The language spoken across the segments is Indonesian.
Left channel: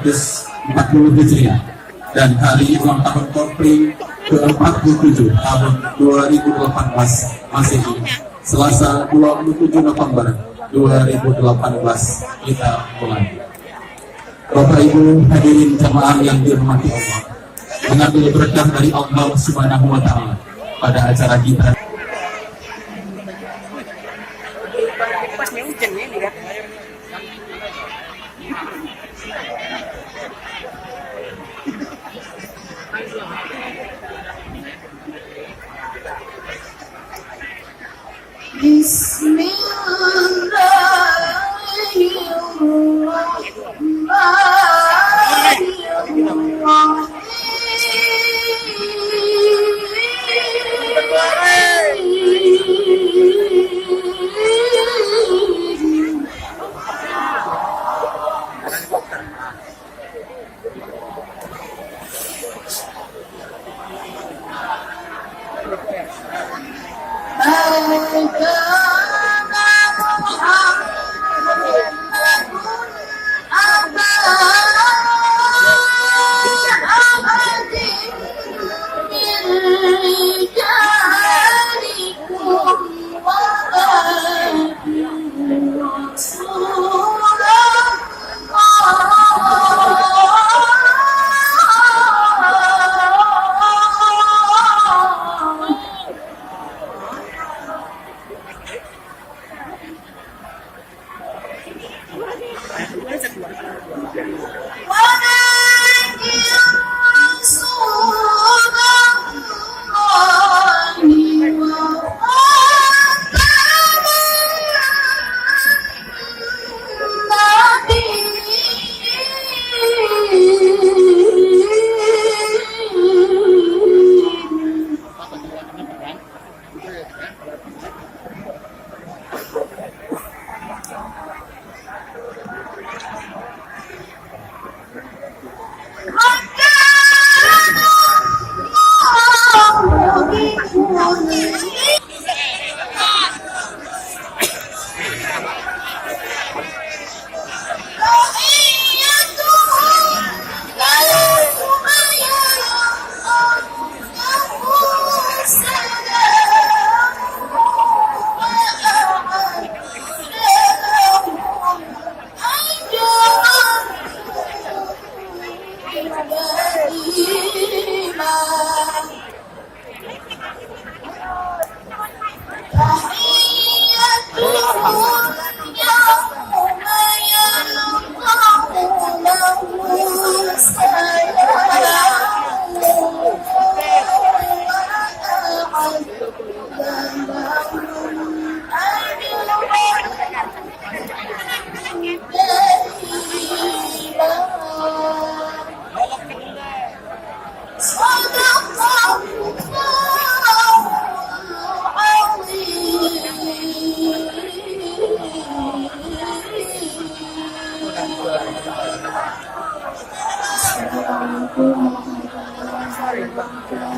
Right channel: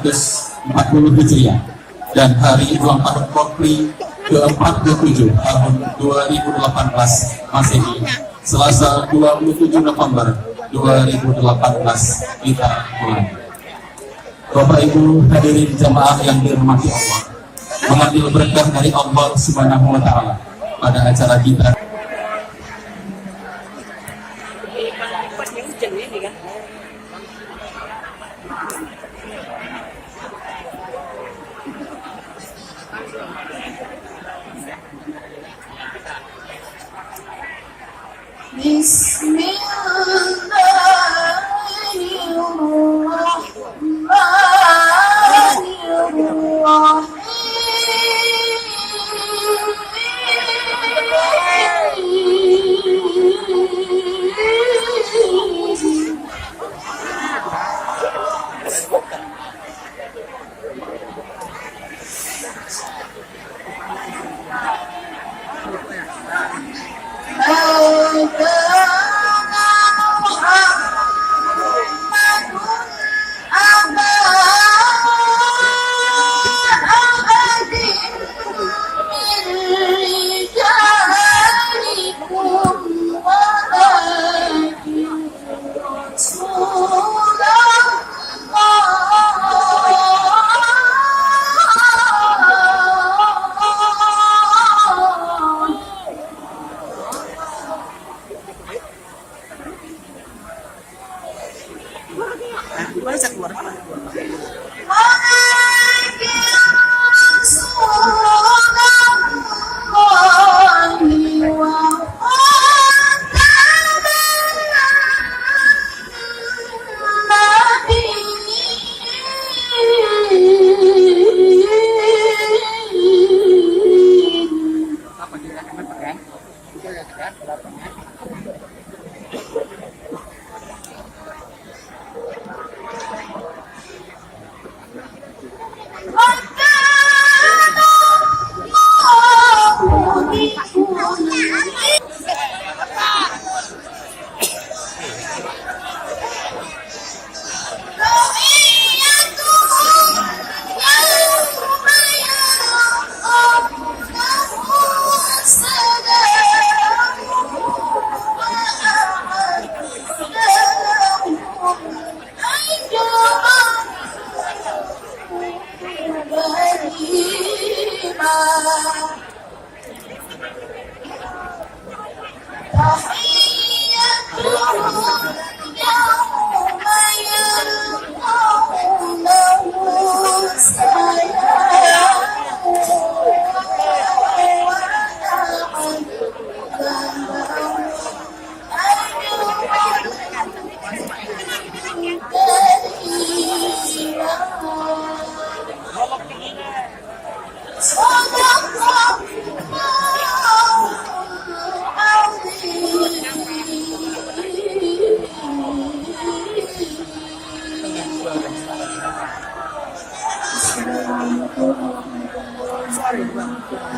1440 Hijriah dan hari ulang tahun Korpri ke-47 tahun 2018 Masehi, Selasa 27 November 2018 kita mulai. Bapak Ibu hadirin jamaah yang dirahmati Allah, mengambil berkah dari Allah Subhanahu wa taala pada acara kita.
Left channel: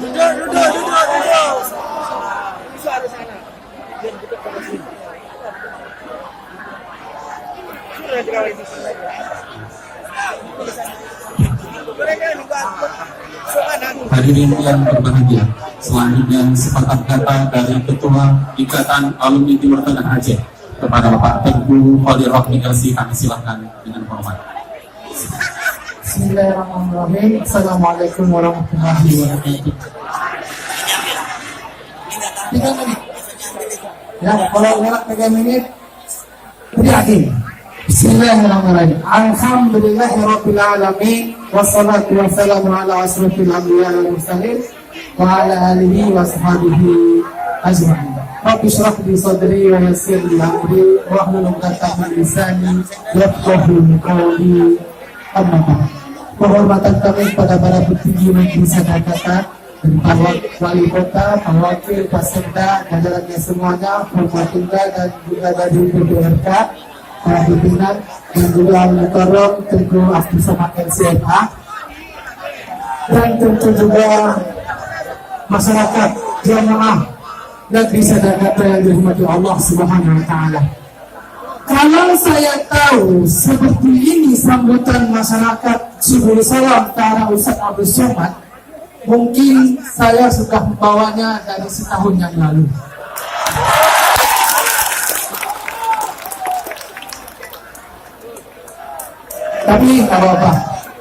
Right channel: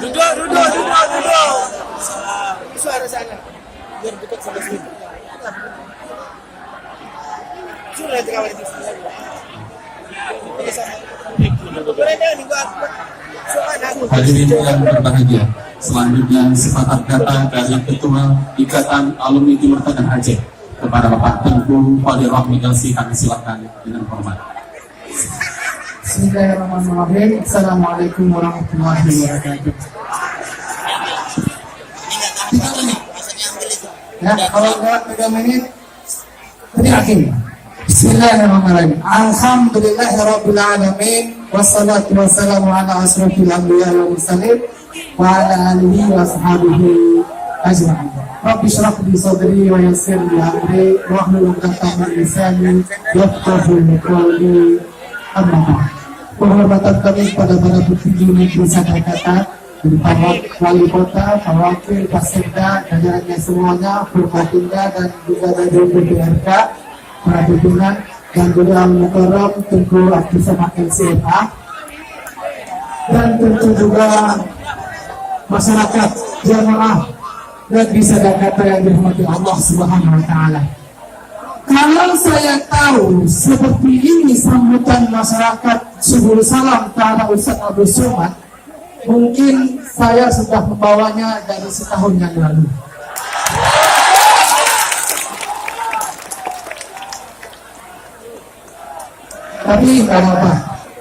Duduk. Suara sana. Biar dekat sama sini. Sudah kalau itu Hadirin yang berbahagia, selanjutnya sepatah kata dari Ketua Ikatan Alumni Timur Tengah Aceh kepada Bapak Tengku Khadir Rahmi LC, kami silakan dengan hormat. Bismillahirrahmanirrahim. Assalamualaikum warahmatullahi wabarakatuh. Ya, kalau enggak 3 menit, berakhir. Bismillahirrahmanirrahim. Alhamdulillahirabbil alamin, wassalatu wassalamu ala asrofil anbiya wal mursalin wa ala alihi wa sahbihi ajma'in. Rabbi shrah li sadri wa yassir li amri wahlul 'uqdatam min lisani yafqahu qawli. Amma ba'd. Penghormatan kami pada para petinggi Negeri Sadakata dari Pak Wali Kota, Pak Wakil, Pak Sekda, jajarannya semuanya, Forkopimda dan juga dari BPRK, para pimpinan dan juga Mukarram Tengku Abdul Samad LCMA, dan tentu juga masyarakat jamaah Negeri Sadakata yang dirahmati Allah Subhanahu wa taala. Kalau saya tahu seperti ini sambutan masyarakat Subul Salam ke arah Ustaz Abdul Somad, mungkin saya sudah membawanya dari setahun yang lalu. Tapi kalau apa?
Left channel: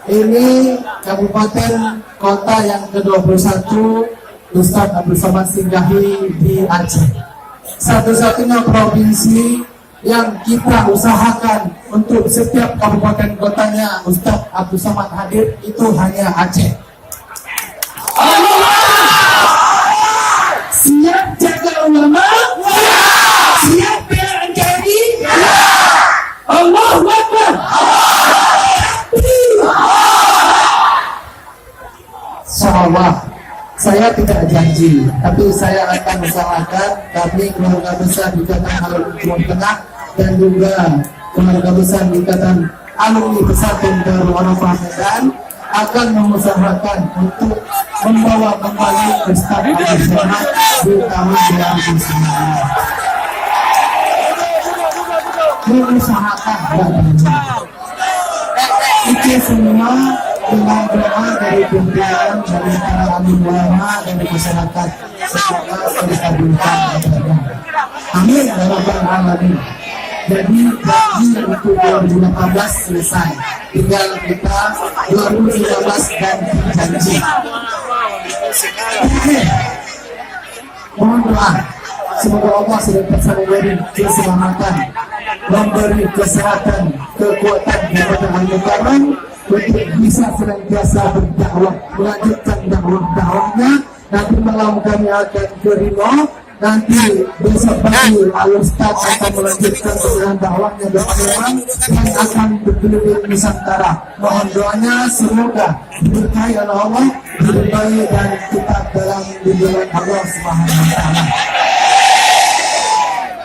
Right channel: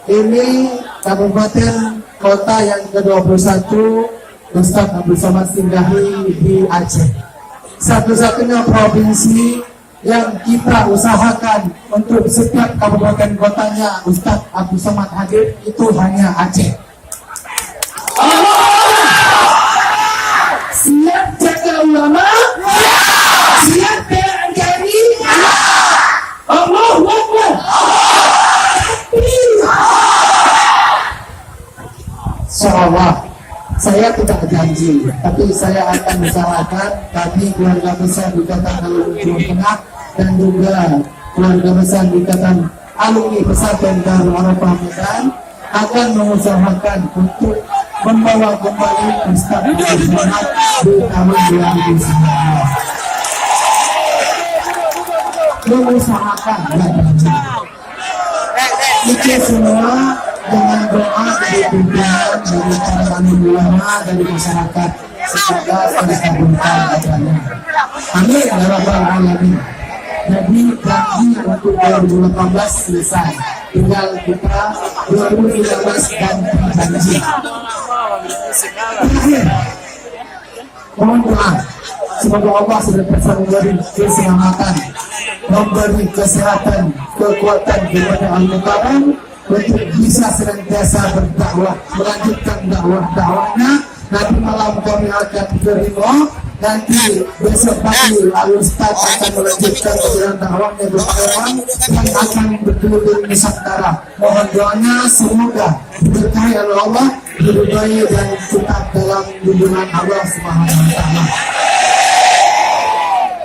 Ini kabupaten kota yang ke-21 Ustaz Abdul Somad singgahi di Aceh. Satu-satunya provinsi yang kita usahakan untuk setiap kabupaten kotanya Ustaz Abdul Somad hadir itu hanya Aceh. Siap jaga ulama? Ya. Siap bela NKRI? Ya. Allahu Akbar. Insyaallah. Saya tidak janji, tapi saya akan usahakan kami keluarga besar Ikatan Alumni Jawa Tengah dan juga keluarga besar Ikatan Alumni Pesantren Darul Arafah Medan akan mengusahakan untuk membawa kembali Ustaz Abdul Somad di tahun 2019. Mengusahakan, tidak janji. Itu semua dengan doa dari pimpinan, dari para alim ulama, dari masyarakat, semoga terkabulkan doanya. Amin ya rabbal alamin. Jadi janji untuk 2018 selesai, tinggal kita 2019 dan janji. Mohon doa, semoga Allah sudah memberi keselamatan, memberi kesehatan, kekuatan kepada al-Mukarram untuk bisa senantiasa berdakwah, melanjutkan dakwahnya. Nanti malam kami akan ke Rimau, nanti besok pagi Al-Ustaz akan melanjutkan dengan dakwahnya berkaitan dan akan berkeliling Nusantara. Mohon doanya semoga diberkahi oleh Allah, diberkahi dan tetap dalam lindungan Allah Subhanahu wa Ta'ala.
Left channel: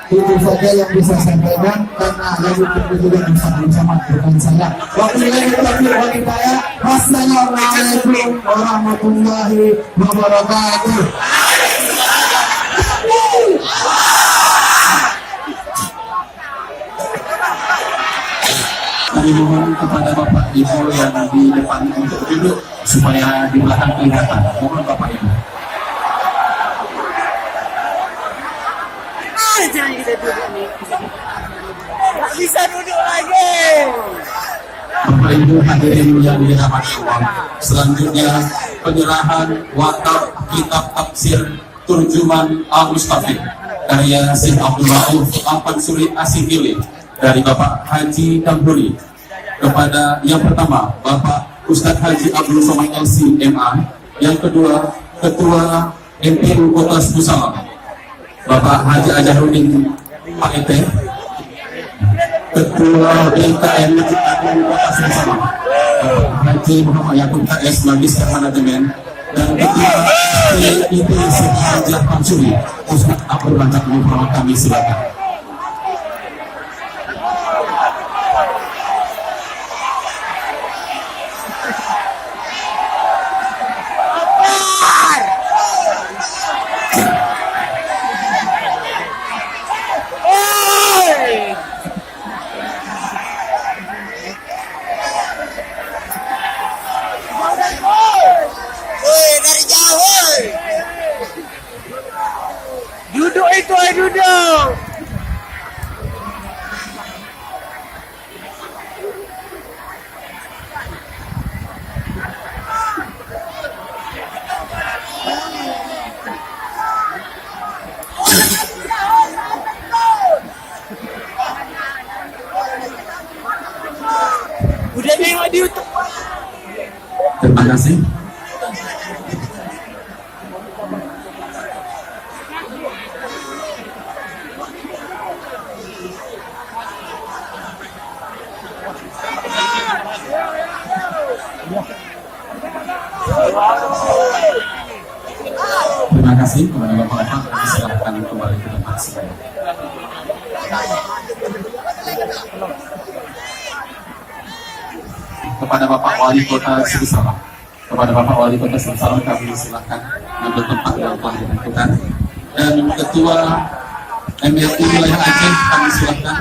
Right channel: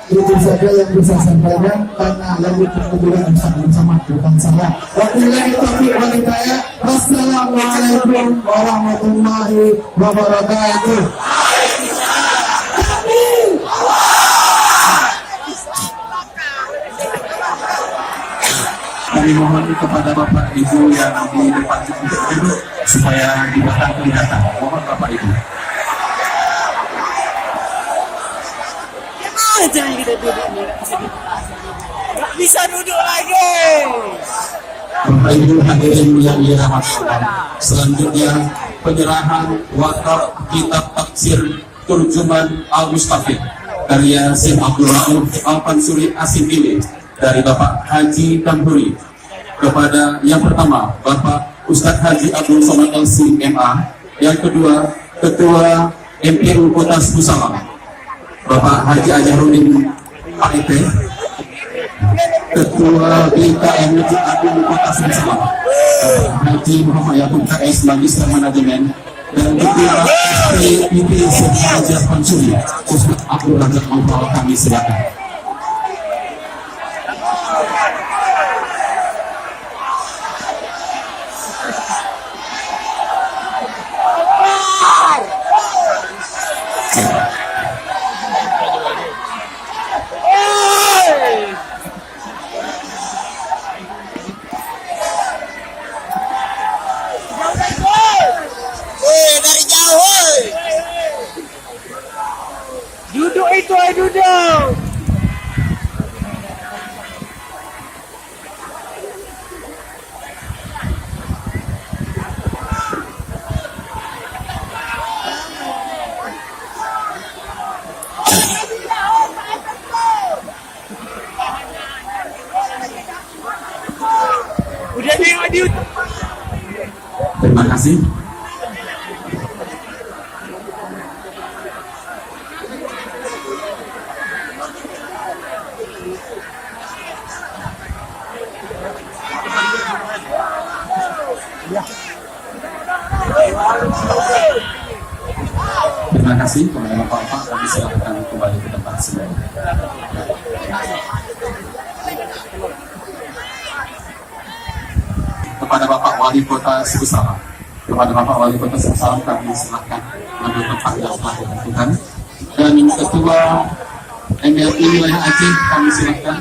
Itu saja yang bisa saya sampaikan karena lagi berkejutan bersama bukan saya. Wabillahi taufiq wal hidayah. Wassalamualaikum warahmatullahi wabarakatuh. Kami mohon kepada Bapak Ibu yang di depan untuk duduk supaya di belakang kelihatan. Mohon Bapak Ibu. Jangan kita duduk nih. Gak bisa duduk lagi. Bapak Ibu hadirin yang dirahmati Allah. Selanjutnya penyerahan wakaf kitab tafsir Turjuman Al-Mustafid karya Syekh Abdul Rauf Al-Mansuri Asimili dari Bapak Haji Tamburi kepada yang pertama Bapak Ustadz Haji Abdul Somad LC.MA, yang kedua Ketua MPU Kota Salam Bapak Haji Ajahuddin PAET, Ketua BKM Masjid Agung Kota Salam Bapak Haji Muhammad Yakub KS Magister Manajemen, dan Ketua PIT Syekh Haji Al-Mansuri Ustadz Abdul Razak Muhammad. Kami silakan. Duduk itu, duduk. Udah tengok di YouTube. Terima kasih. Terima kasih kepada Bapak-Bapak. Kami silakan kembali ke tempat semua. Kepada Bapak Wali Kota Salam, kepada Bapak Wali Kota Salam kami silakan mengambil tempat yang telah ditentukan. Dan Ketua MLI Wilayah Aceh kami silakan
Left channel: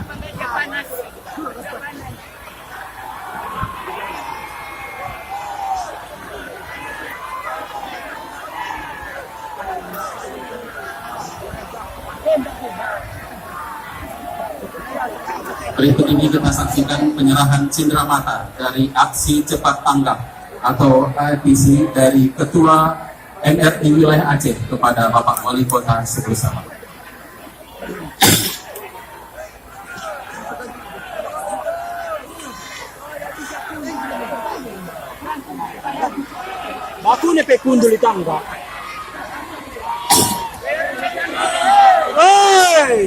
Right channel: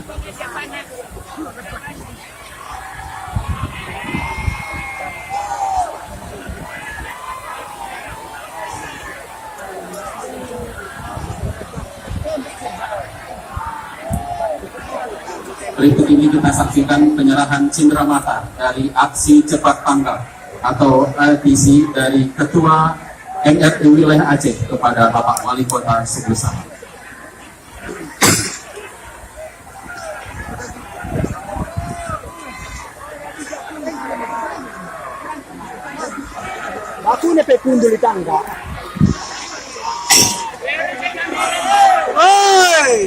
Berikut ini kita saksikan penyerahan cindera mata dari aksi cepat tanggap atau ATC dari Ketua MRT Wilayah Aceh kepada Bapak Wali Kota Suku Salam. Aku ne pe kundul tangga. Oi!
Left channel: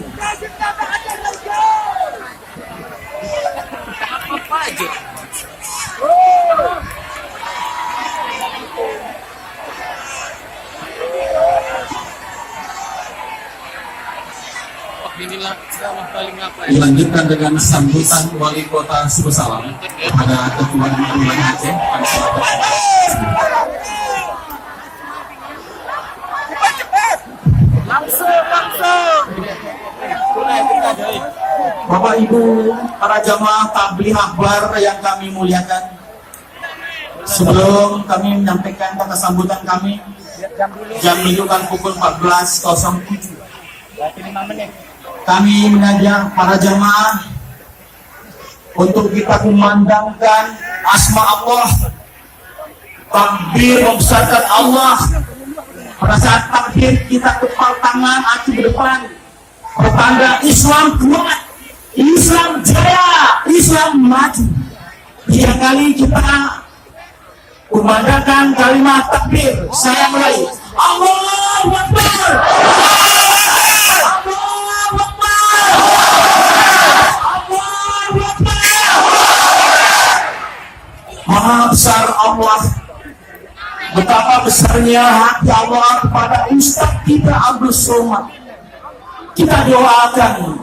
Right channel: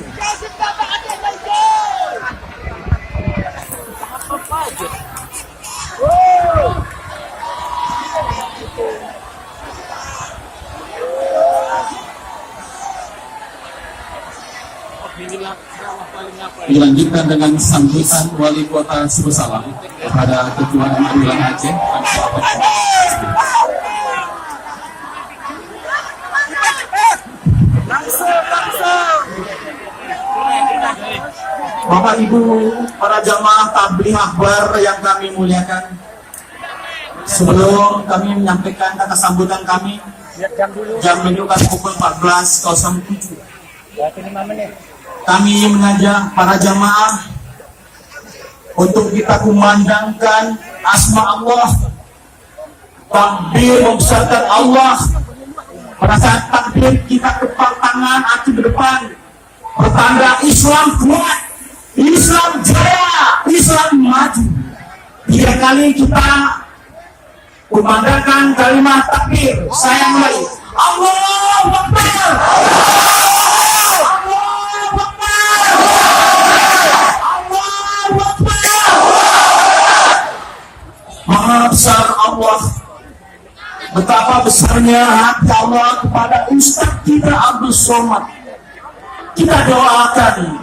Apa aja? Inilah ceramah paling apa ya? Dilanjutkan dengan sambutan Wali Kota Suku Salam kepada Ketua MRT Wilayah Aceh. Langsung. Bapak Ibu para jamaah tabligh akbar yang kami muliakan, sebelum kami menyampaikan kata sambutan kami, jam menunjukkan pukul 14.07. Kami mengajak para jamaah untuk kita kumandangkan asma Allah, takbir membesarkan Allah. Pada saat takbir kita kepal tangan aki ke depan, bertanda Islam kuat, Islam jaya, Islam maju. 3 kali kita kumandangkan kalimat takbir. Saya mulai, Allahu Akbar. Maha besar Allah, betapa besarnya hati Allah kepada Ustaz kita Abdul Somad. Kita doakan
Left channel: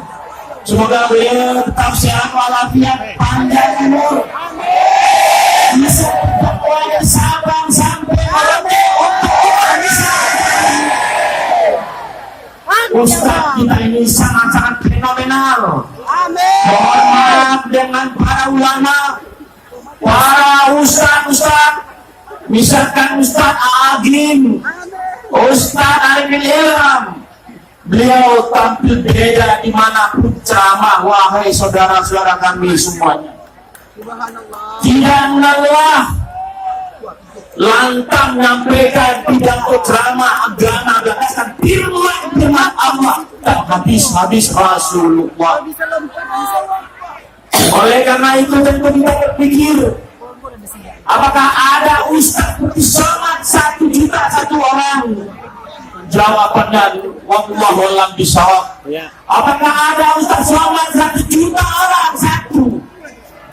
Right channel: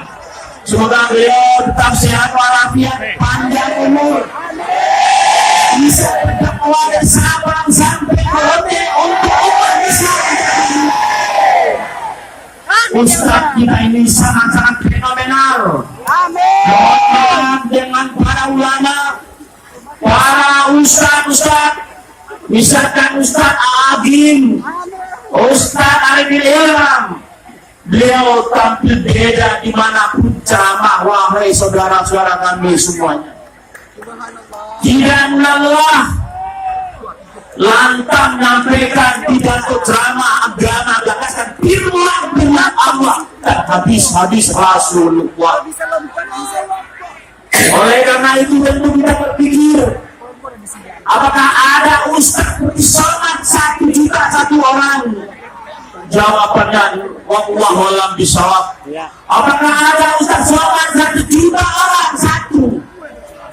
semoga beliau tetap sehat walafiat, panjang umur, bisa berdakwah dari Sabang sampai Merauke untuk umat Islam. Ustaz kita ini sangat-sangat fenomenal. Mohon maaf dengan para ulama, para ustaz, misalkan Ustaz Agim, Ustaz Arifin Ilham, beliau tampil beda dimanapun ceramah. Wahai saudara-saudara kami semuanya, tidak lelah lantang menyampaikan pidato ceramah agama, gagasan firman Allah dan hadis-hadis Rasulullah. Oleh karena itu tentu kita berpikir, apakah ada Ustaz Putih Somad 1 juta 1 orang? Jawabannya wallahu a'lam bishawab. Apakah ada Ustaz Somad 1 juta orang 1?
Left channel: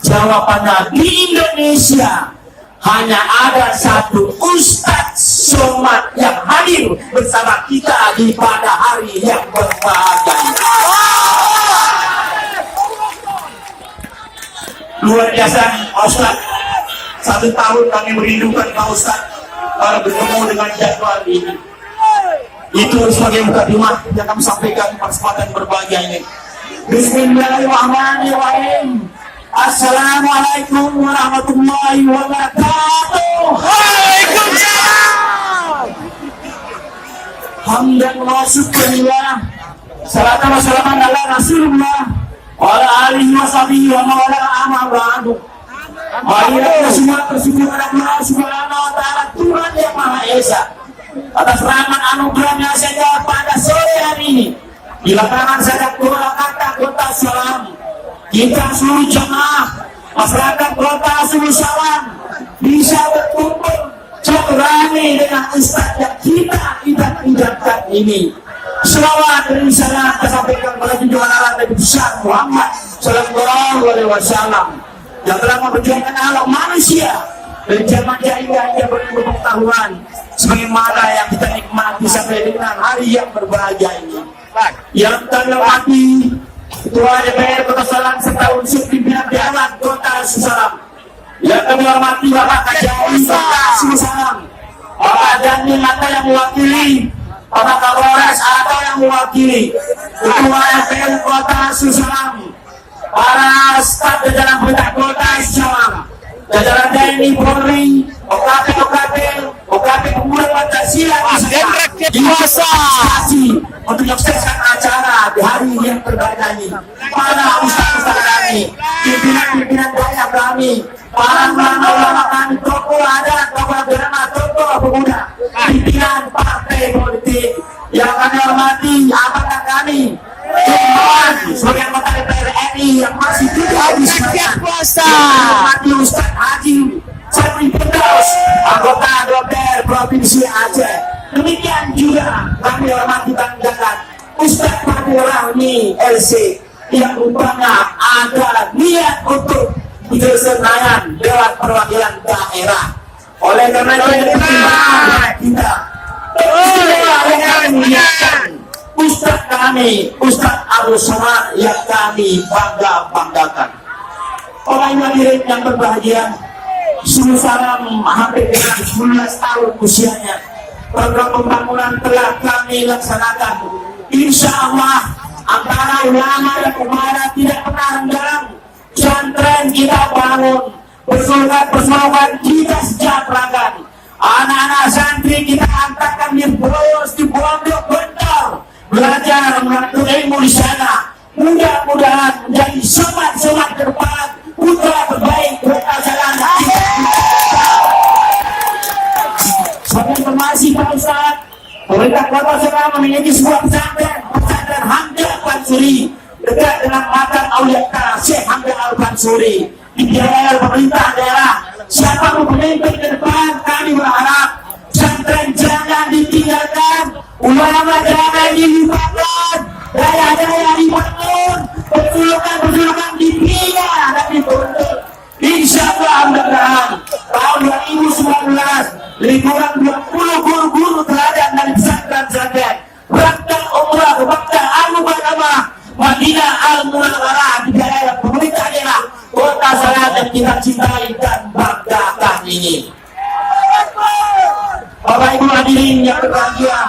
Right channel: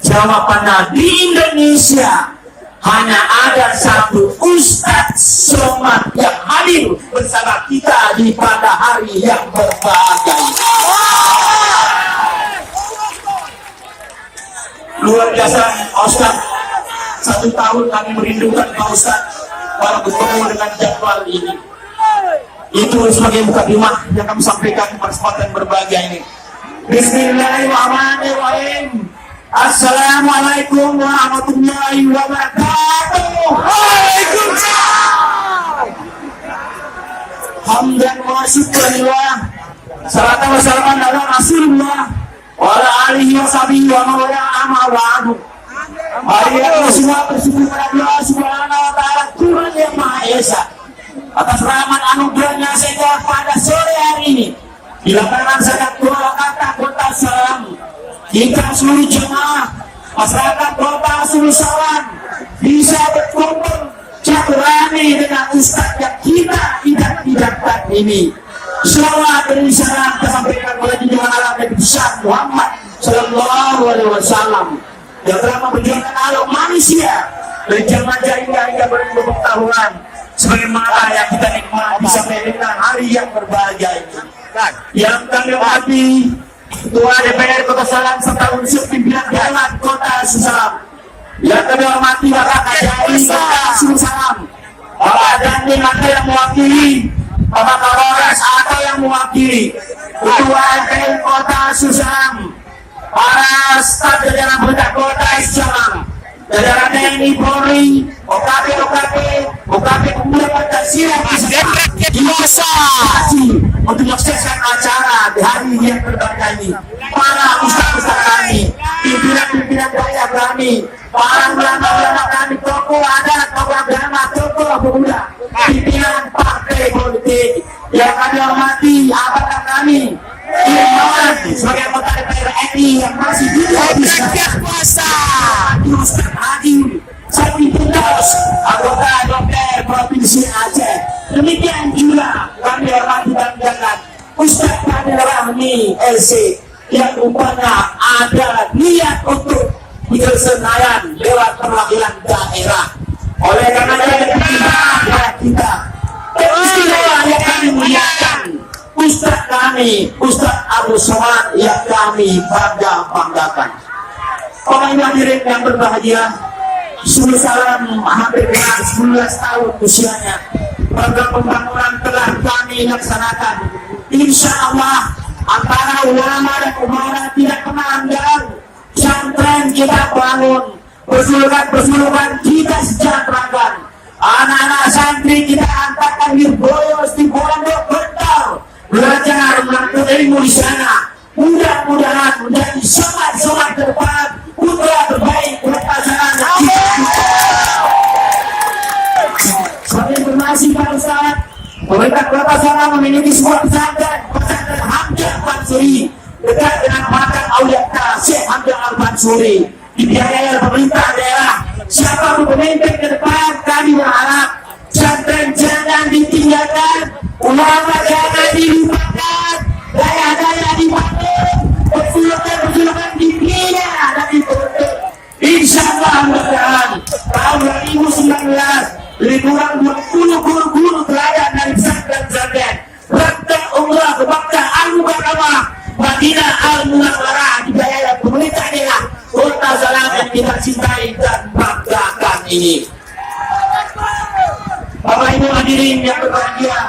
Jawabannya di Indonesia hanya ada 1 Ustaz Somad yang hadir bersama kita di pada hari yang berbahagia. Luar biasa Ustaz. 1 tahun kami merindukan Pak Ustaz para bertemu dengan jadwal ini. Itu sebagai mukadimah yang kami sampaikan pada kesempatan berbahagia ini. Bismillahirrahmanirrahim. Assalamualaikum warahmatullahi wabarakatuh. Waalaikumsalam. Hamdan wa syukrillah. Salatan wa salaman ala Rasulullah wa ala alihi wa sahbihi wa mawala amma ba'du. Mari kita semua bersyukur kepada Allah Subhanahu wa taala, Tuhan yang Maha Esa, atas rahmat anugerahnya saja pada sore hari ini. Bila kanan saya doa kata Kota Salam, kita seluruh jemaah masyarakat Kota Salam bisa berkumpul silaturahmi dengan Ustaz yang kita idam-idamkan ini. Selawat dan isyarat kita sampaikan kepada junjungan Nabi besar Muhammad Sallallahu Alaihi Wasallam yang telah memperjuangkan alam manusia dari zaman jahiliyah hingga berpengetahuan, sebagaimana yang kita nikmati sampai dengan hari yang berbahagia ini. Yang kami hormati Ketua DPR Kota Salam serta unsur pimpinan Dewan Kota Salam. Yang kami hormati Bapak Kajari Kota Salam, Bapak Dandim atau yang mewakili, Bapak Kapolres atau yang mewakili, Ketua DPR Kota Salam, para staf jajaran pemerintah Kota Salam, jajaran TNI Polri, OKP Pemuda Pancasila dan rakyat kuasa untuk menyukseskan acara di hari yang berbahagia ini. Para ustaz kami kami, pimpinan-pimpinan daerah kami, para ulama kami, tokoh adat, tokoh agama, tokoh pemuda, pimpinan partai politik yang kami hormati, apakah kami sebagai anggota DPR RI yang masih Rakyat kuasa. Ustaz Haji Sabri Firdaus, anggota DPR Provinsi Aceh. Demikian juga kami hormati dan jalan Ustaz Fadil Rahmi LC yang rupanya ada niat untuk diselesaikan Dewan Perwakilan Daerah. Oleh karena itu kita kami menyiapkan Ustaz kami, Ustaz Abu Somad yang kami banggakan. Orang hadirin yang berbahagia, sungguh salam hampir 19 tahun usianya. Program pembangunan telah kami laksanakan. Insya Allah antara ulama dan umara tidak pernah renggang. Pesantren kita bangun, persoalan kita sejahterakan. Anak-anak santri kita antarkan dirboyos di pondok bentar, belajar menuntut ilmu di sana. Mudah-mudahan menjadi somat-somat ke depan, putra terbaik kota Salana kita. Sampai informasi Pak Ustaz, pemerintah Kota Salana memiliki sebuah pesantren Hamzah Al-Bansuri dekat dengan makam Aulia Syekh Hamzah Al-Bansuri, dibiayai oleh pemerintah daerah. Siapa pemimpin ke depan, kami berharap pesantren jangan ditinggalkan, ulama jangan dilupakan, daya-daya dibangun, perjulukan dibina dan dituntut. Insya Allah mudah-mudahan tahun 2019 lebih kurang 20 guru-guru teladan dari pesantren-pesantren Rakta Umrah ke Makkah Al-Mukarramah Madinah Al-Munawwarah dibiayai oleh pemerintah daerah Kota Salana yang kita cintai dan banggakan ini. Bapak Ibu hadirin yang berbahagia,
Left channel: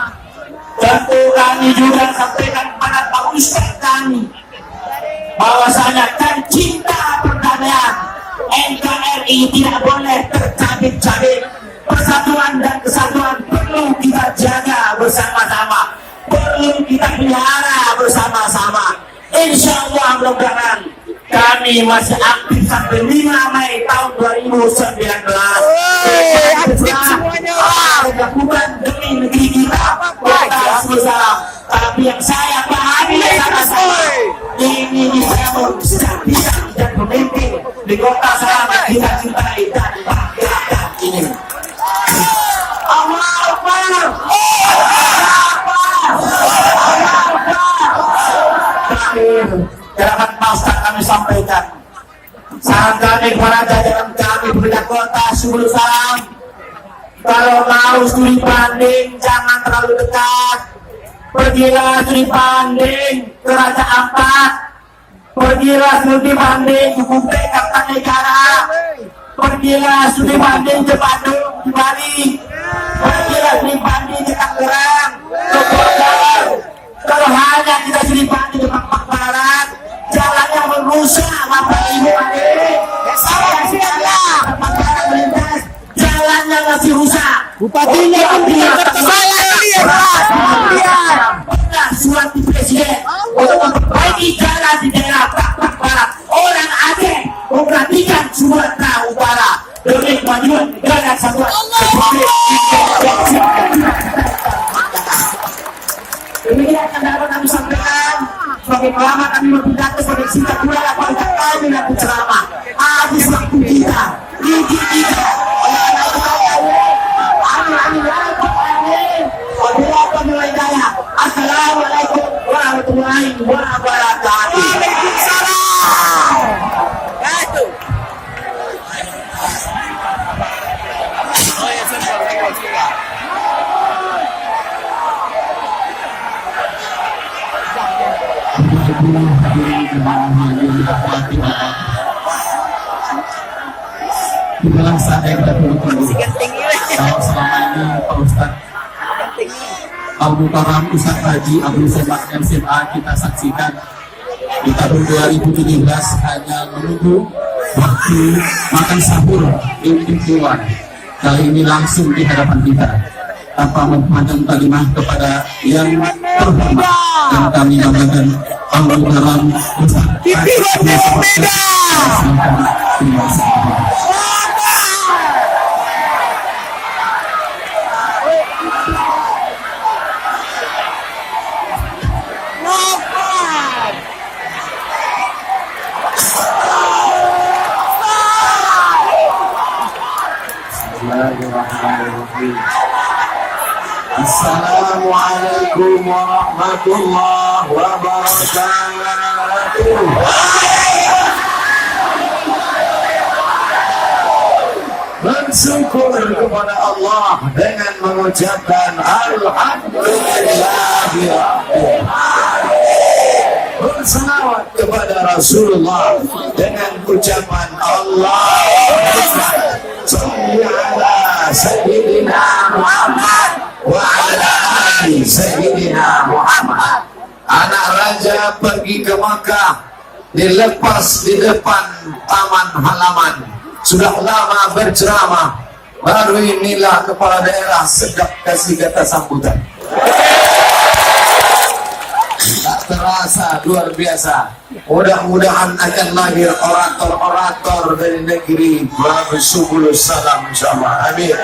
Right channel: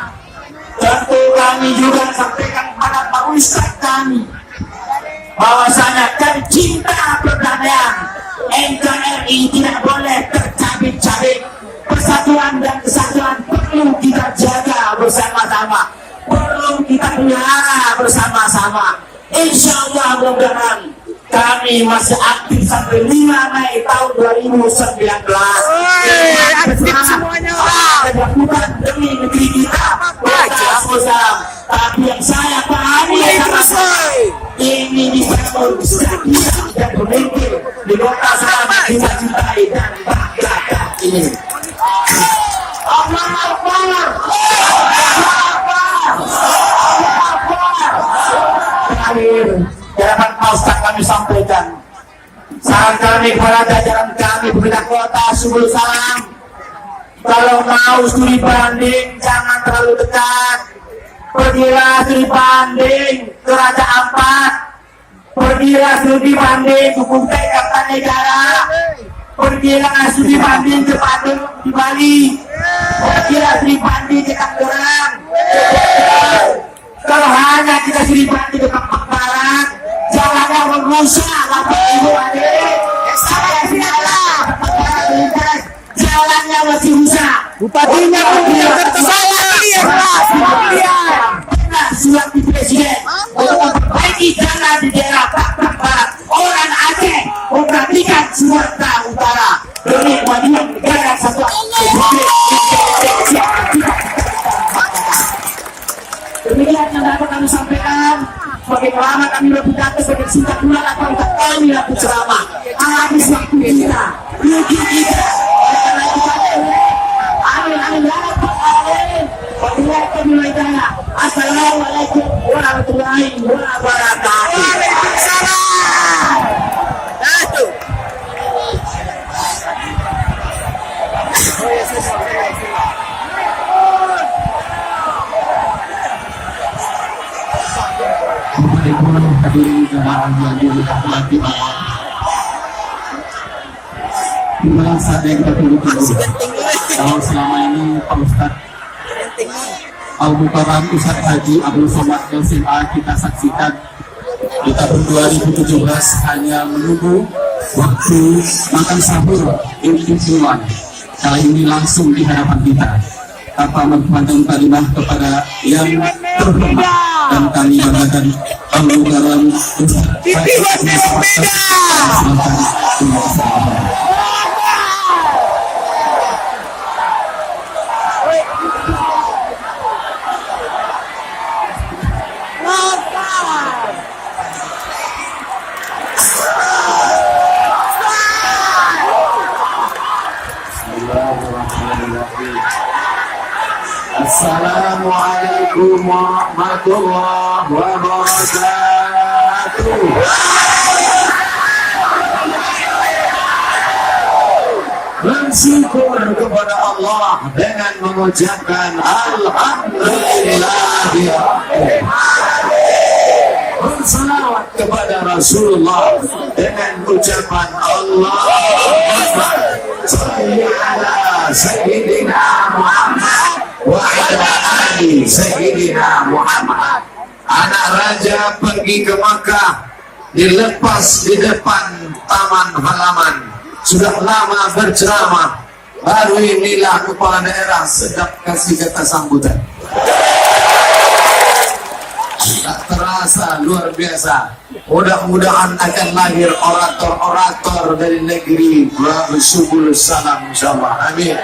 tentu kami juga sampaikan kepada Pak Ustaz kami bahwasanya kan cinta perdamaian NKRI tidak boleh tercabik-cabik. Persatuan dan kesatuan perlu kita jaga bersama-sama, perlu kita pelihara bersama-sama. Insya Allah mudah-mudahan kami masih aktif sampai 5 Mei tahun 2019. Aktif semuanya orang. Bukan demi negeri kita, tapi yang saya pahami ini dibangun stabilitas dan pemimpin di kota Salana kita cintai dan banggakan ini. Terakhir, dapat Ustaz kami sampaikan, saran kami para jajaran kami pemerintah kota Subul Salam, kalau mau studi banding jangan terlalu dekat. Pergilah studi banding ke Raja Ampat, pergilah studi banding ke Kutai Kartanegara, pergilah studi banding ke Bandung di Bali, pergilah studi banding ke Tangerang, ke Bogor. Kalau hanya kita studi banding ke Papua Barat, jalannya merusak Bapak Ibu adik. Jalannya masih rusak. Bupatinya pun tidak tertolak. Surat di Presiden untuk memperbaiki jalan di daerah Papua Barat. Orang Aceh memperhatikan Sumatera Utara demi kemajuan negara kesatuan Republik Indonesia. Demikian yang dapat kami sampaikan. Sebagai ulama kami berpidato, sebagai singkat ulama kami lakukan ceramah. Habis waktu kita, rugi kita. Assalamualaikum warahmatullahi wabarakatuh. Waalaikumsalam. Oh ya, saya. Di dalam saat yang kita tunggu kalau selama ini Pak Ustadz Al-Mukarram Ustadz Haji Abdul Somad LCMA kita saksikan di tahun 2017 hanya menunggu waktu makan sahur impulan. Kali ini langsung di hadapan kita tanpa memandang kalimat kepada yang beda. Dan kami mengatakan Allah dalam Titipannya beda. Assalamualaikum warahmatullahi wabarakatuh. Bersyukur kepada Allah dengan mengucapkan Alhamdulillahirrahmanirrahim. Bersalawat kepada Rasulullah dengan ucapan Allahumma shalli ala Sayyidina Muhammad wa ala ali Sayyidina Muhammad. Anak raja pergi ke Makkah, dilepas di depan taman halaman. Sudah lama berceramah, baru inilah kepala daerah sedap kasih kata sambutan. Tak terasa, luar biasa. Mudah-mudahan akan lahir orator-orator dari negeri bersubul salam insyaallah. Amin.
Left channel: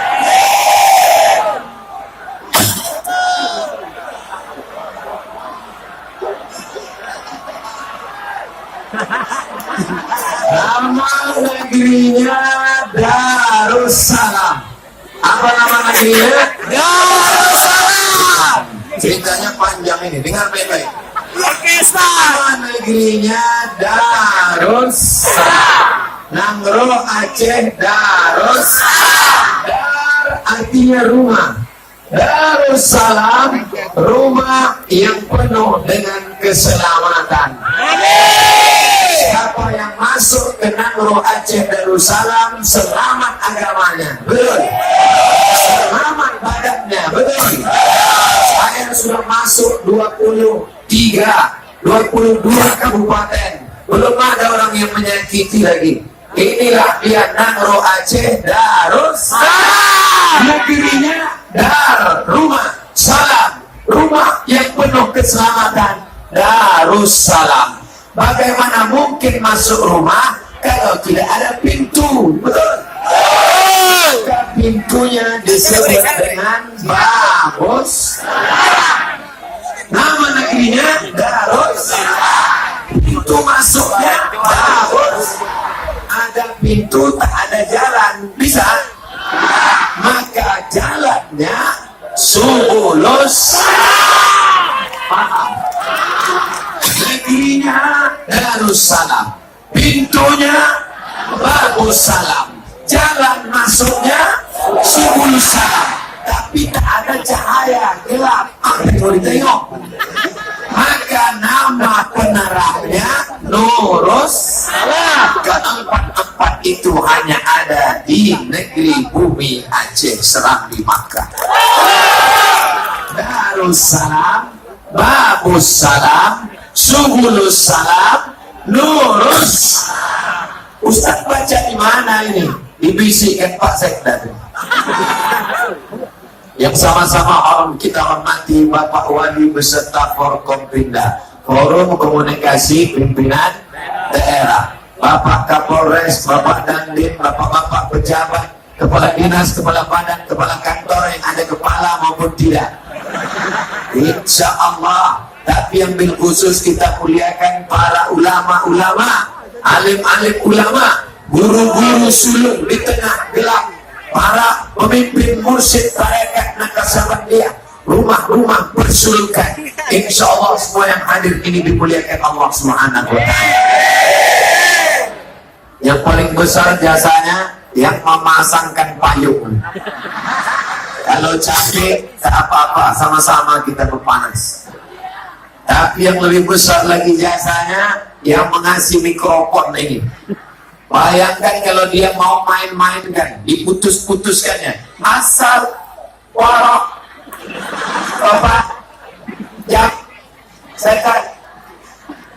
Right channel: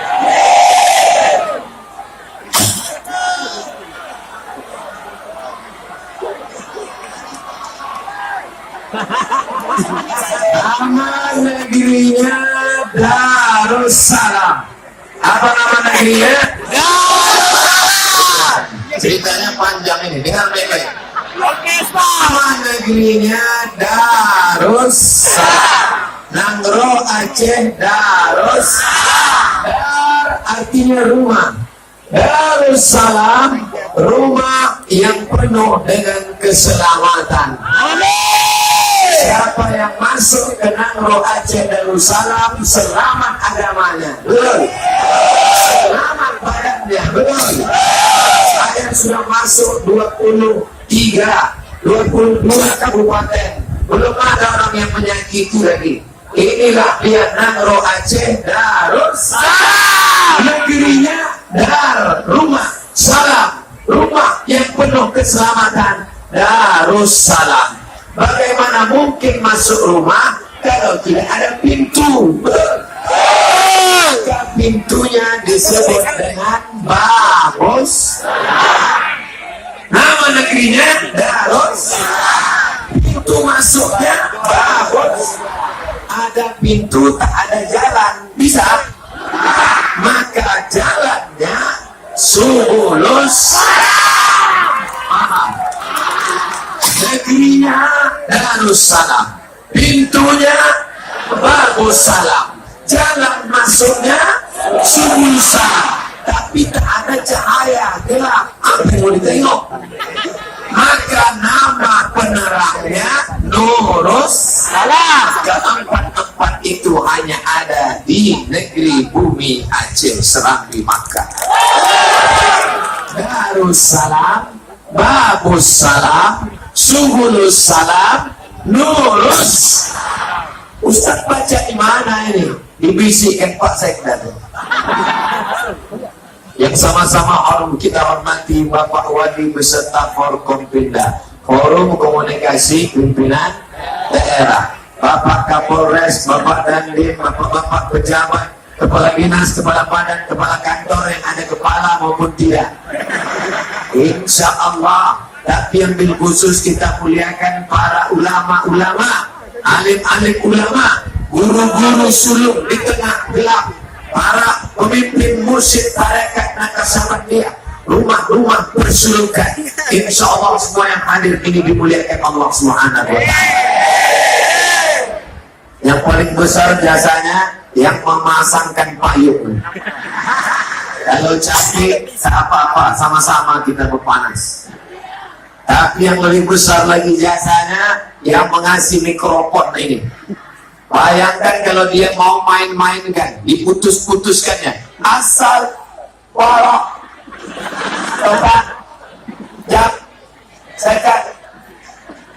Nama negerinya Darussalam. Apa nama negerinya? Darussalam. Ceritanya panjang ini, dengar baik-baik. Oke, Ustaz. Nama negerinya Darussalam. Nangro Aceh Darussalam. Dar artinya rumah. Darussalam, rumah yang penuh dengan keselamatan. Siapa yang masuk ke Nangro Aceh Darussalam selamat agamanya, betul? Selamat badannya, betul? Saya sudah masuk 22 kabupaten, belum ada orang yang menyakiti lagi. Inilah dia Nangro Aceh Darussalam. Negerinya Dar, rumah, salam, rumah yang penuh keselamatan. Darussalam. Bagaimana mungkin masuk rumah kalau tidak ada pintu? Maka pintunya disebut dengan Babus. Nama negerinya Darussalam. Pintu masuknya Babus. Ada pintu, tak ada jalan, bisa? Maka jalannya Subulus Salam. Paham? Negerinya Darussalam, pintunya Babus Salam, jalan masuknya Subulus Salam, tapi tak ada cahaya, gelap. Apa yang mau ditengok? Maka nama penerangnya Nurus Salam. Keempat itu hanya ada di negeri bumi Aceh Serambi Makkah. Darussalam, Babus Salam, Subulus Salam, Nurus. Ustaz baca di mana ini? Dibisikkan Pak Sekda. Yang sama-sama kita hormati Bapak Wali beserta Forkompinda, Forum Komunikasi Pimpinan Daerah, Bapak Kapolres, Bapak Dandim, Bapak-bapak pejabat, kepala dinas, kepala badan, kepala kantor yang ada kepala maupun tidak. Insya Allah. Tapi yang bil khusus kita muliakan para ulama-ulama, alim-alim ulama, guru-guru sulung di tengah gelap, para pemimpin mursyid tarekat Naksabandia, rumah-rumah bersulukan. Insya Allah semua yang hadir ini dimuliakan Allah Subhanahu wa ta'ala. Yang paling besar jasanya yang memasangkan payung. Kalau capek, tak apa-apa, sama-sama kita berpanas. Tapi yang lebih besar lagi jasanya yang mengasih mikrofon ini. Bayangkan kalau dia mau main-mainkan, diputus-putuskannya. Asal, porok, bapak, jak, sekat.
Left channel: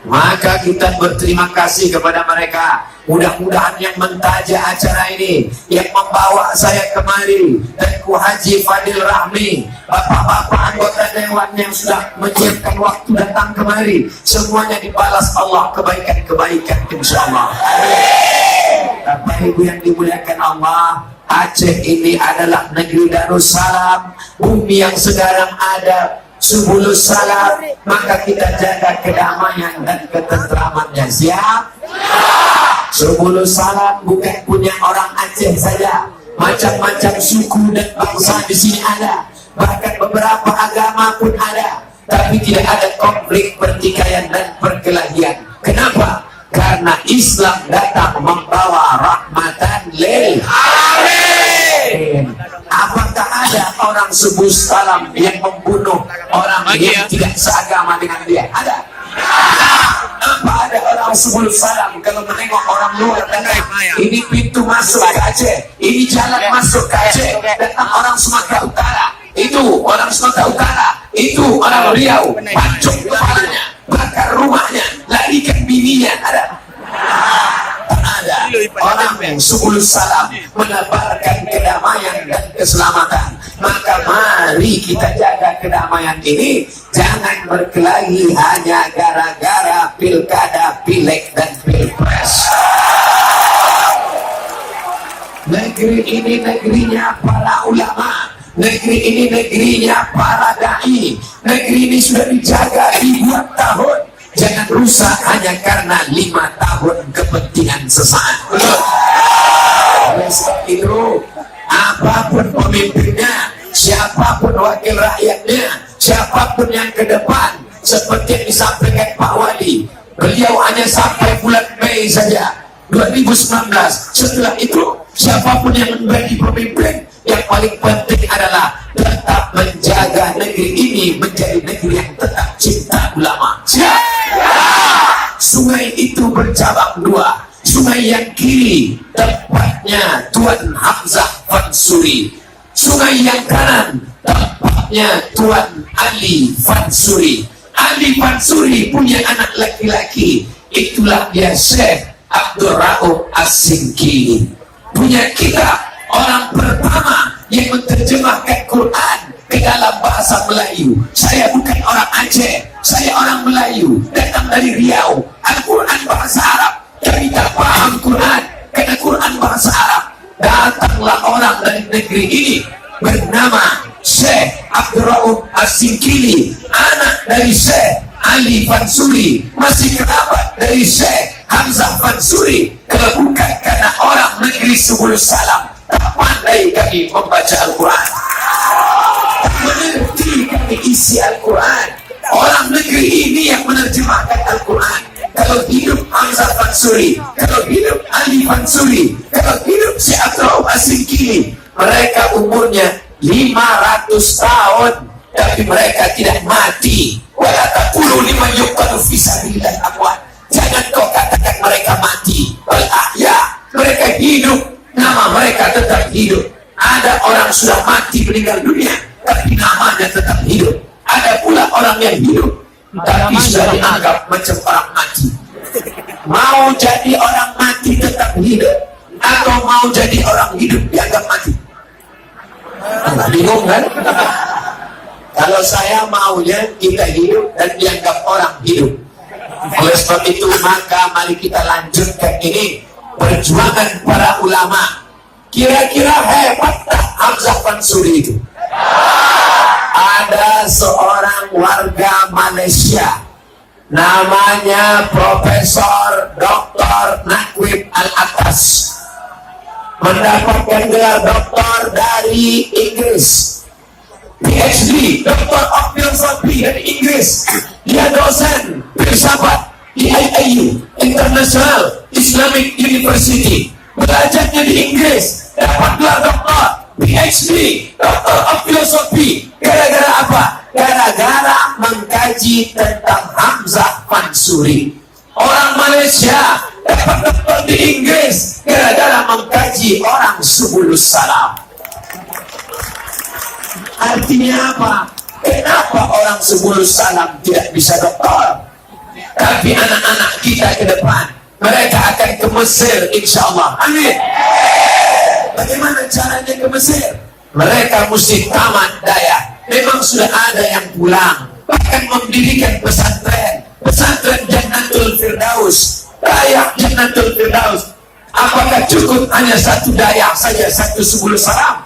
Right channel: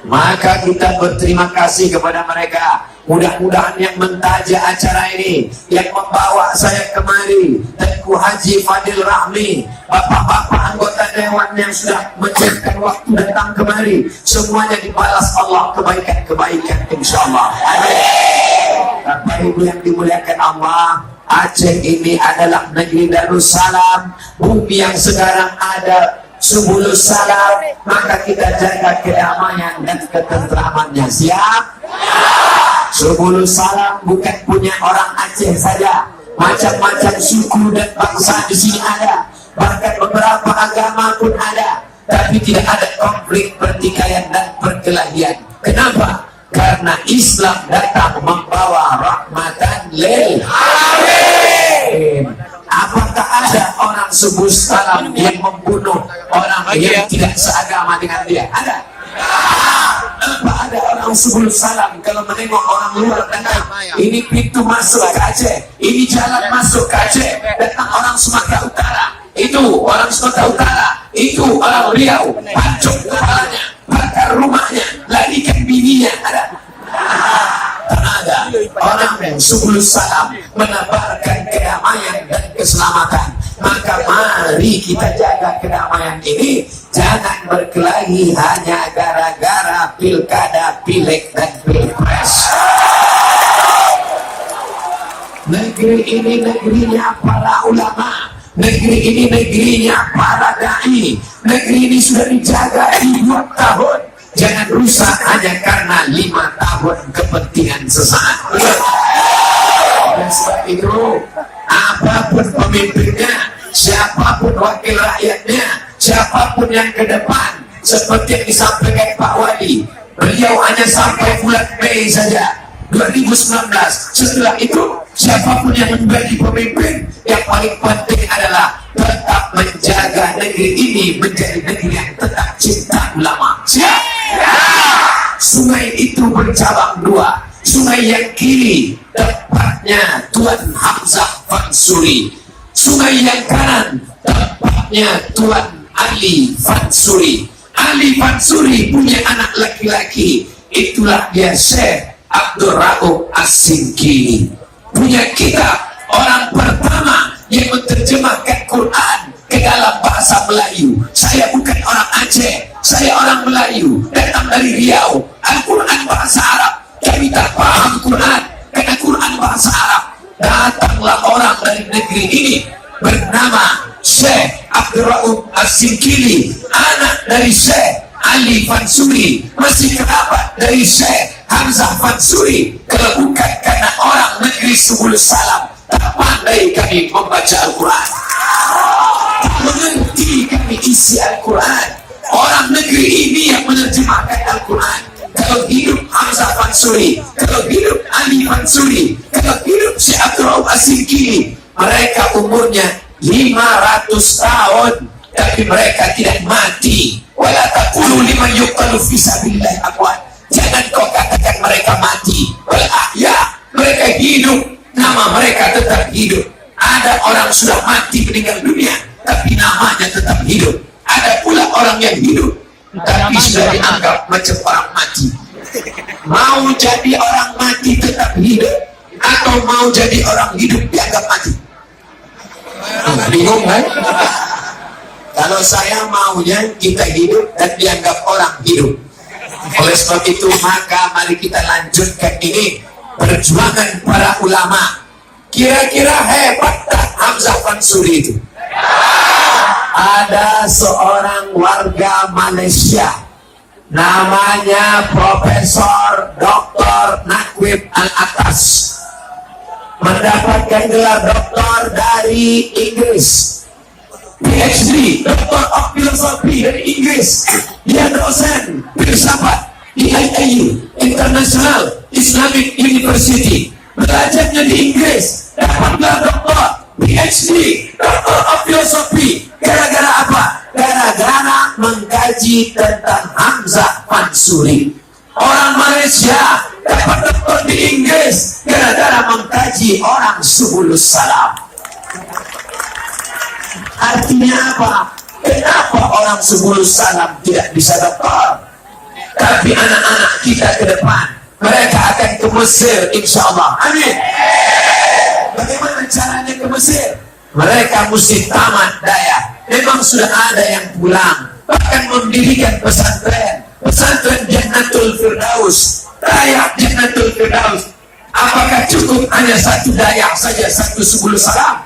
Maka kita berterima kasih kepada mereka Mudah-mudahan yang mentaja acara ini, yang membawa saya kemari, dan Ku Haji Fadil Rahmi, bapak-bapak anggota dewan yang sudah menjadikan waktu datang kemari, semuanya dibalas Allah kebaikan-kebaikan insyaallah. Amin. Bapak Ibu yang dimuliakan Allah, Aceh ini adalah negeri Darussalam, bumi yang sekarang ada Subulus Salam, maka kita jaga kedamaian dan ketentramannya. Siap? Subulus Salam bukan punya orang Aceh saja, macam-macam suku dan bangsa di sini ada, bahkan beberapa agama pun ada, tapi tidak ada konflik, pertikaian dan perkelahian. Kenapa? Karena Islam datang membawa rahmatan lil alamin. Apakah ada orang Subulus Salam yang membunuh orang yang tidak seagama dengan dia? Ada? Apa ada orang Subulus Salam kalau menengok orang luar tengah, ini pintu masuk ke Aceh, ini jalan masuk ke Aceh, datang orang Sumatera Utara, itu orang Sumatera Utara, itu orang Riau, pancung kepalanya, bakar rumahnya, larikan bininya. Ada? Ada orang yang Subulus Salam menebarkan kedamaian dan keselamatan. Maka mari kita jaga kedamaian ini, jangan berkelahi hanya gara-gara pilkada, pileg dan pilpres. Negeri ini negerinya para ulama, negeri ini negerinya para dai, negeri ini sudah dijaga ribuan tahun. Jangan rusak hanya karena 5 tahun kepentingan sesaat. Oleh sebab itu, apapun pemimpinnya, siapapun wakil rakyatnya, siapapun yang ke depan, seperti yang disampaikan Pak Wali, beliau hanya sampai bulan Mei saja 2019. Setelah itu, siapapun yang menjadi pemimpin, yang paling penting adalah tetap menjaga negeri ini menjadi negeri yang tetap cinta ulama. Siap? Sungai itu bercabang 2. Sungai yang kiri tempatnya Tuan Hamzah Fansuri, sungai yang kanan tempatnya Tuan Ali Fansuri. Ali Fansuri punya anak laki-laki, itulah dia Syekh Abdul Rauf As-Sinkili. Punya kitab, orang pertama yang menerjemahkan Quran ke dalam bahasa Melayu. Saya bukan orang Aceh, saya orang Melayu, datang dari Riau. Al-Quran bahasa Arab, kami tak paham Quran karena Quran bahasa Arab. Datanglah orang dari negeri ini bernama Syekh Abdul Rauf As-Sinkili, anak dari Syekh Ali Fansuri, masih kerabat dari Syekh Hamzah Fansuri. Kalau bukan karena orang negeri Subulus Salam, tak pandai kami membaca Al-Quran, tak mengerti kami isi Al-Quran. Orang negeri ini yang menerjemahkan Al-Quran. Kalau hidup Hamzah Fansuri, kalau hidup Ali Fansuri, kalau hidup Syekh Abdul Rauf As-Sinkili, mereka umurnya 500 tahun, tapi mereka tidak mati. Wala taqulu liman yuqtalu fi sabilillah amwat. Jangan kau katakan mereka mati. Wal ahya, mereka hidup, nama mereka tetap hidup. Ada orang sudah mati meninggal dunia, tapi namanya tetap hidup. Ada pula orang yang hidup, tapi sudah dianggap macam orang mati. Mau jadi orang mati tetap hidup, atau mau jadi orang hidup dianggap mati? Bingung kan? Kalau saya maunya kita hidup dan dianggap orang hidup. Oleh sebab itu maka mari kita lanjutkan ini perjuangan para ulama. Kira-kira hebat tak Hamzah Fansuri itu? Ada seorang warga Malaysia namanya Profesor Dr. Nakwib Al-Atas, mendapatkan gelar doktor dari Inggris, PhD, Doctor of Philosophy dari Inggris. Dia dosen filsafat di IAU, International Islamic University. Belajarnya di Inggris, dapat gelar doktor, PhD, Doctor of Philosophy. Gara-gara apa? Gara-gara mengkaji tentang Hamzah Fansuri. Orang Malaysia dapat doktor di Inggris gara-gara mengkaji orang Subulus Salam. Artinya apa? Kenapa orang Subulus Salam tidak bisa doktor? Tapi anak-anak kita ke depan mereka akan ke Mesir insya Allah. Amin. Bagaimana caranya ke Mesir? Mereka mesti tamat daya. Memang sudah ada yang pulang, bahkan mendirikan pesantren Jannatul Firdaus, Dayak Jannatul Firdaus. Apakah cukup hanya satu Dayak saja, satu Subul Salam?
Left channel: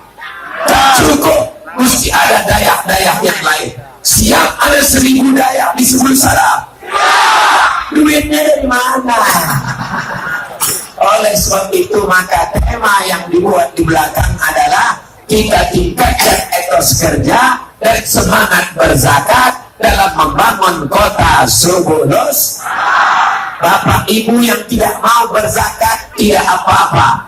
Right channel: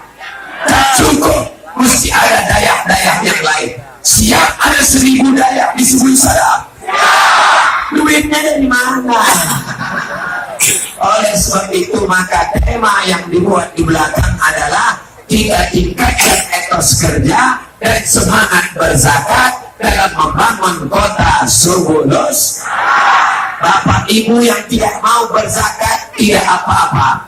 Tak cukup, mesti ada Dayak yang lain. Siap ada 1000 Dayak di Subul Salam? Duitnya dari mana? Oleh sebab itu maka tema yang dibuat di belakang adalah kita tingkatkan etos kerja dan semangat berzakat dalam membangun kota Subulus. Bapak Ibu yang tidak mau berzakat tidak apa-apa.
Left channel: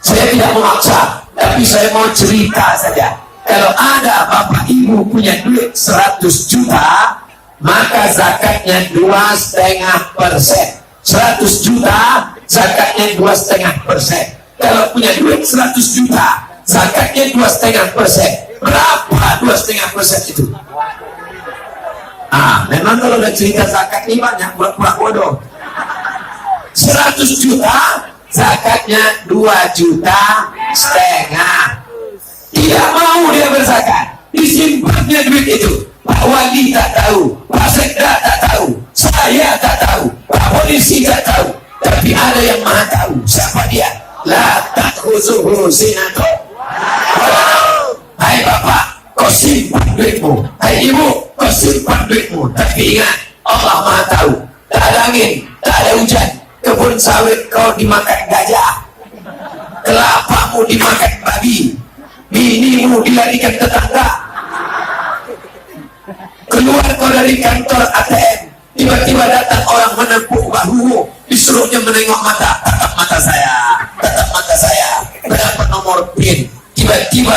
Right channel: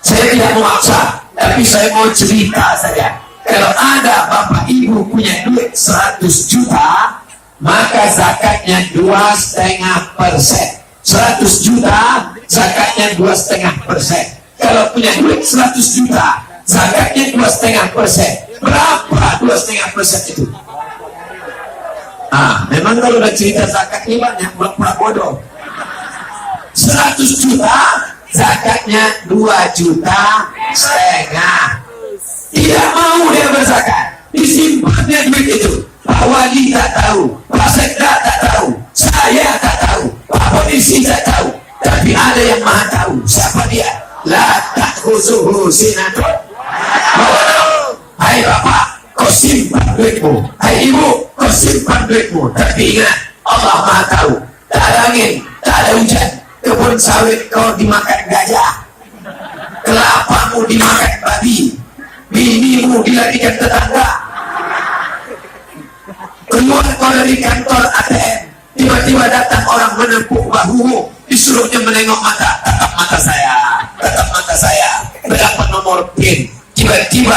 Saya tidak maksa, tapi saya mau cerita saja. Kalau ada Bapak Ibu punya duit 100 juta, maka zakatnya 2,5%. 100 juta, zakatnya 2,5%. Kalau punya duit 100 juta, zakatnya 2,5%. Berapa 2,5% itu? Memang kalau udah cerita zakat ini banyak pura-pura bodoh. 100 juta, zakatnya 2,5 juta. Tidak mau dia berzakat, disimpannya duit itu. Pak Wali tak tahu, Pak Sekda tak tahu, saya tak tahu, Pak Polisi tak tahu, tapi ada yang maha tahu. Siapa dia? La ta'khuzuhu sinatun. Hai Bapak, kau simpan duitmu. Hai Ibu, kau simpan duitmu. Tapi ingat, Allah maha tahu. Tak ada angin, tak ada hujan, kebun sawit kau dimakan gajah, kelapamu dimakan babi, binimu dilarikan tetangga. Keluar kau dari kantor ATM, tiba-tiba datang orang menepuk bahumu, disuruhnya menengok mata. Tatap mata saya, berapa nomor PIN? Tiba-tiba